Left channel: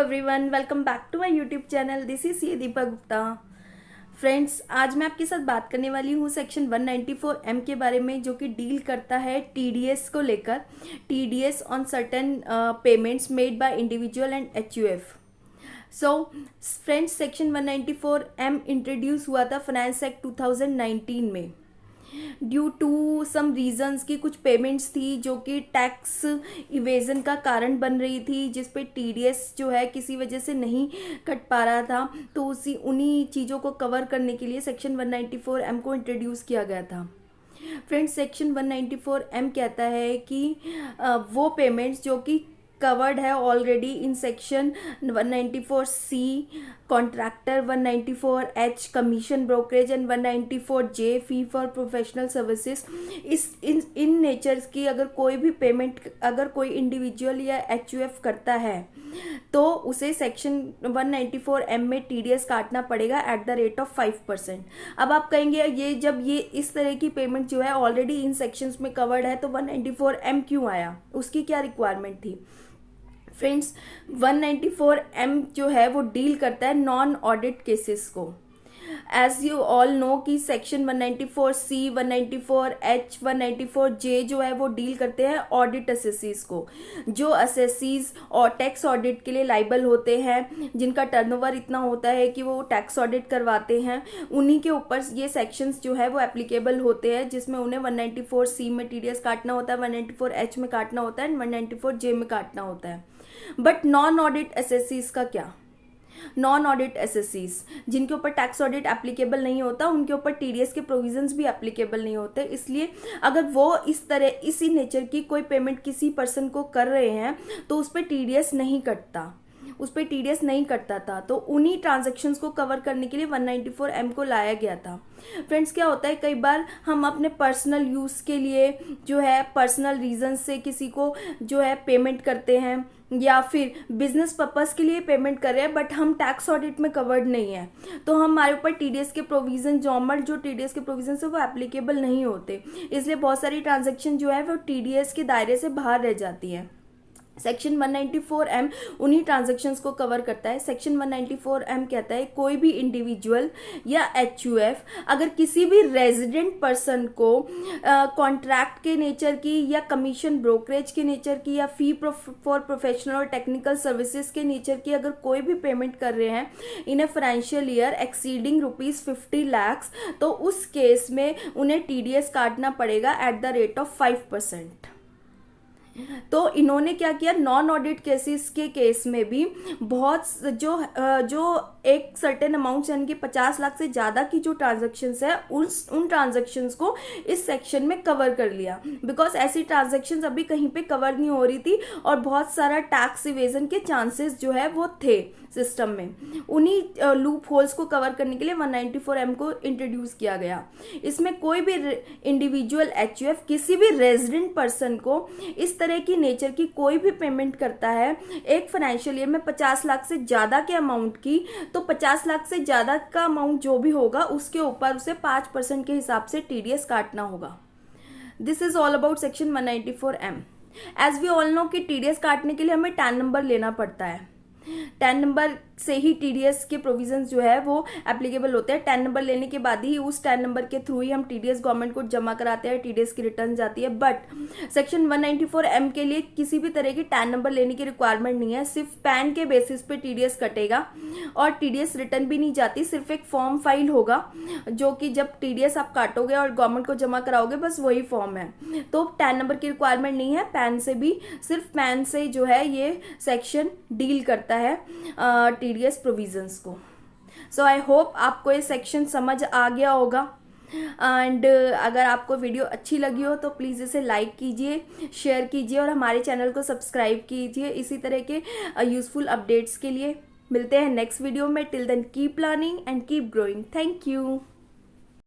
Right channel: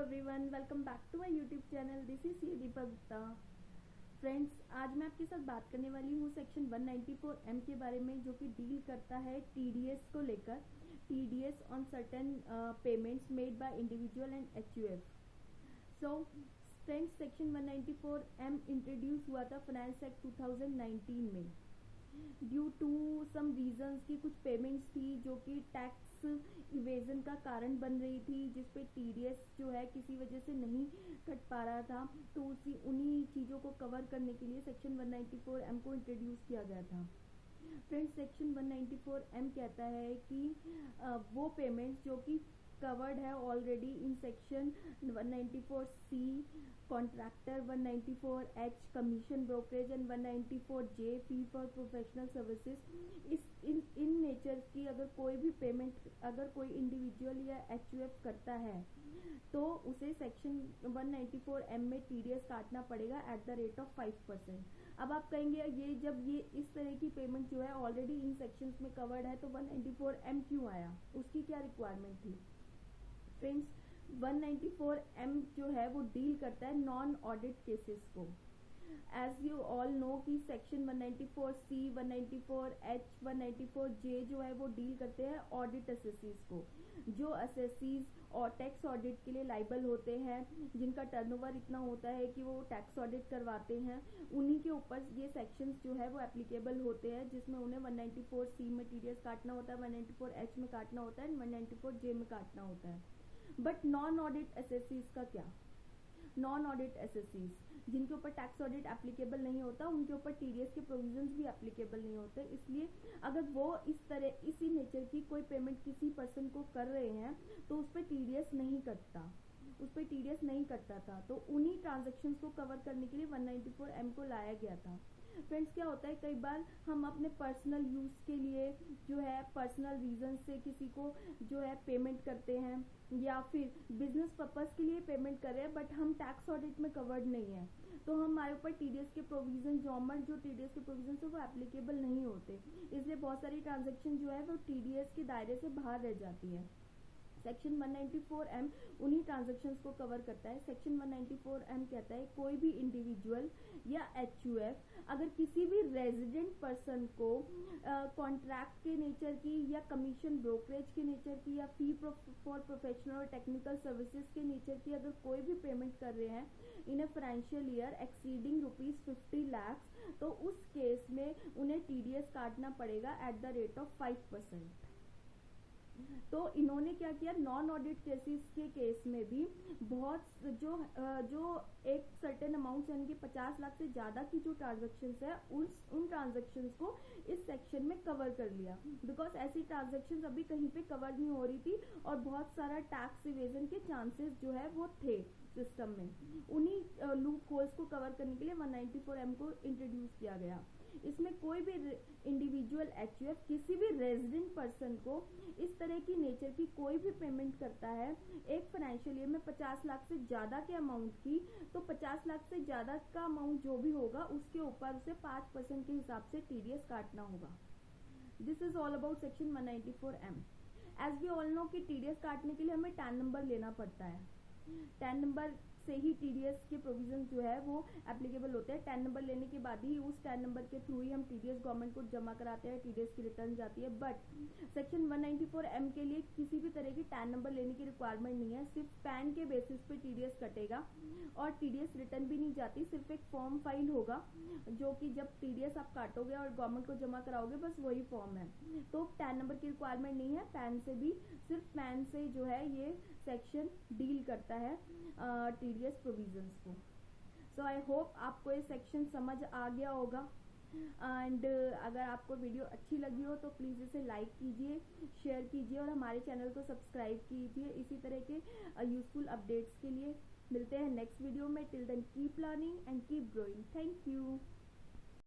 Everyone, welcome back to my YouTube channel. This is C Deepa Gupta. Friends, आज मैं आपके साथ बात करने वाली हूँ सेक्शन 194M के बारे में, जो कि डील करता है टीडीएस को लेकर। TDS on certain payments made by individual and HUF. So friends, section 194M introduce हुआ था फाइनेंस एक्ट 2019 में ड्यू टू सम रीजंस की कुछ पेमेंट्स थी जो कि टैक्स इवेजन का कारण बन रही थी, जिस पे टीडीएस जो है किसी वजह से नहीं कट पा रहा था। तो उन्हीं चीज़ों को कवर करने के लिए सेक्शन 194M को इंट्रोड्यूस किया गया था। फ्रेंड्स, सेक्शन 194M कहता है कि वो पेमेंट्स जो कि कवर्ड है already in section 194C contractor, 194H commission brokerage and 194J fee for professional services. In nature's की अगर कोई भी पेमेंट अगर कोई इंडिविजुअल या एचयूएफ करता है तो उसे सेक्शन 194M में टीडीएस काटना पड़ेगा एट द रेट ऑफ 5%। अब आप कहेंगे ये इस तरह की पेमेंट जो है ऑलरेडी इन सेक्शंस में कवर्ड है तो 194M क्यों आया, उसकी क्या रिक्वायरमेंट थी? फ्रेंड्स, 194M जो है वो डील करता है नॉन ऑडिट केसेस को। एज यू ऑल नो कि सेक्शन 194C, 194H, 194J जो है वो डील करते हैं ऑडिट असेसीज को। जो असेसीज और टैक्स ऑडिट के लिए लाइबल होते हैं, जिनका टर्नओवर इतना होता है कि वो टैक्स ऑडिट करवाते हैं, उन्हीं के ऊपर ये सेक्शंस जो है वो एप्लीकेबल होते हैं, जिसमें उन्हें 194C में टीडीएस काटना होता है, 194H में काटना होता है, 194J में काटना होता है। बट नॉन ऑडिट एसएससीज का क्या? नॉन ऑडिट एसएससीज जिनके ऊपर टैक्स ऑडिट एप्लीकेबल नहीं होता, उनके ऊपर टीडीएस के प्रोविजंस भी एप्लीकेबल नहीं होते। इसलिए अगर वो इसी नेचर की कोई पेमेंट किसी पर्सन को कर रहे हैं तो उस पर टीडीएस नहीं कटता था। तो उन्हीं ट्रांजैक्शंस को कवर करने के लिए 194M को लाया गया था। फ्रेंड्स, क्या होता है, कई बार हम अपने पर्सनल यूज़ के लिए जो है पर्सनल रीजन से किसी को जो है पेमेंट करते हैं, या फिर बिजनेस पर्पस के लिए पेमेंट कर रहे हैं, बट हम टैक्स ऑडिट में कवर्ड नहीं है, तो हमारे ऊपर टीडीएस के प्रोविजन जो टीडीएस के प्रोविजन है वो एप्लीकेबल नहीं होते। इसलिए बहुत सारी ट्रांजैक्शन जो है वो टीडीएस के दायरे से बाहर रह जाती है। सेक्शन 194M उन्हीं ट्रांजैक्शंस को कवर करता है। सेक्शन 194M कहता है कोई भी इंडिविजुअल या एचयूएफ अगर किसी भी रेजिडेंट पर्सन को कॉन्ट्रैक्ट के नेचर की या कमीशन ब्रोकरेज के नेचर की या फी फॉर प्रोफेशनल और टेक्निकल सर्विसेज के नेचर की अगर कोई भी पेमेंट कर रहे हैं in a financial year exceeding ₹50 lakhs, तो उस केस में उन्हें टीडीएस काटना पड़ेगा एट द रेट ऑफ 5%। तो इन्होंने क्या किया, नॉन ऑडिट केसेस के केस में भी बहुत जो एक सर्टेन अमाउंट यानी कि 50 लाख से ज़्यादा की जो ट्रांजैक्शंस है उन ट्रांजैक्शंस को इस सेक्शन में कवर कर लिया, बिकॉज ऐसी ट्रांजैक्शंस अभी कहीं पे कवर नहीं हो रही थी और बहुत सारा टैक्स इवेजन के चांसेस जो है वो थे सिस्टम में। उन्हीं लूप होल्स को कवर करने के लिए 194M को इंट्रोड्यूस किया गया। इसमें कोई भी इंडिविजुअल एचयूएफ किसी भी रेजिडेंट पर्सन को इस तरह की नेचर की कोई भी पेमेंट करता है एक फाइनेंशियल ईयर में 50 लाख से ज़्यादा के अमाउंट की, तो 50 लाख से ज़्यादा का अमाउंट जो भी होगा उसके ऊपर उसे 5% के हिसाब से टीडीएस काटना होगा। This is all about section 194M। As we all know कि टीडीएस काटने के लिए हमें टैन नंबर लेना पड़ता है। टैन नंबर से ही टीडीएस के प्रोविजंस जो है वो एप्लीकेबल होते हैं। टैन नंबर लेने के बाद ही उस टैन नंबर के थ्रू ही हम टीडीएस गवर्नमेंट को जमा कराते हैं, टीडीएस की रिटर्न जाती है। बट सेक्शन 194M के लिए किसी भी तरह की टैन नंबर लेने की रिक्वायरमेंट नहीं है। सिर्फ पैन के बेसिस पे टीडीएस कटेगा और टीडीएस रिटर्न भी नहीं जाती, सिर्फ एक फॉर्म फाइल होगा जो कि जब टीडीएस आप काटोगे और गवर्नमेंट को जमा कराओगे बस वही फॉर्म है। तो टैन नंबर की रिक्वायरमेंट नहीं है। सिर्फ पैन से जो है ये सेक्शन डील करता है टीडीएस प्रोविजंस को। सो आई होप आपको ये सेक्शन समझ आ गया होगा। एंड अगर आपको वीडियो अच्छी लगी हो तो प्लीज़ इसे लाइक कीजिए, शेयर कीजिए और हमारे चैनल को सब्सक्राइब कीजिए इसी तरह के यूज़फुल अपडेट्स के लिए। मिलते हैं नेक्स्ट वीडियो में। Till then keep learning and keep growing. Thank you.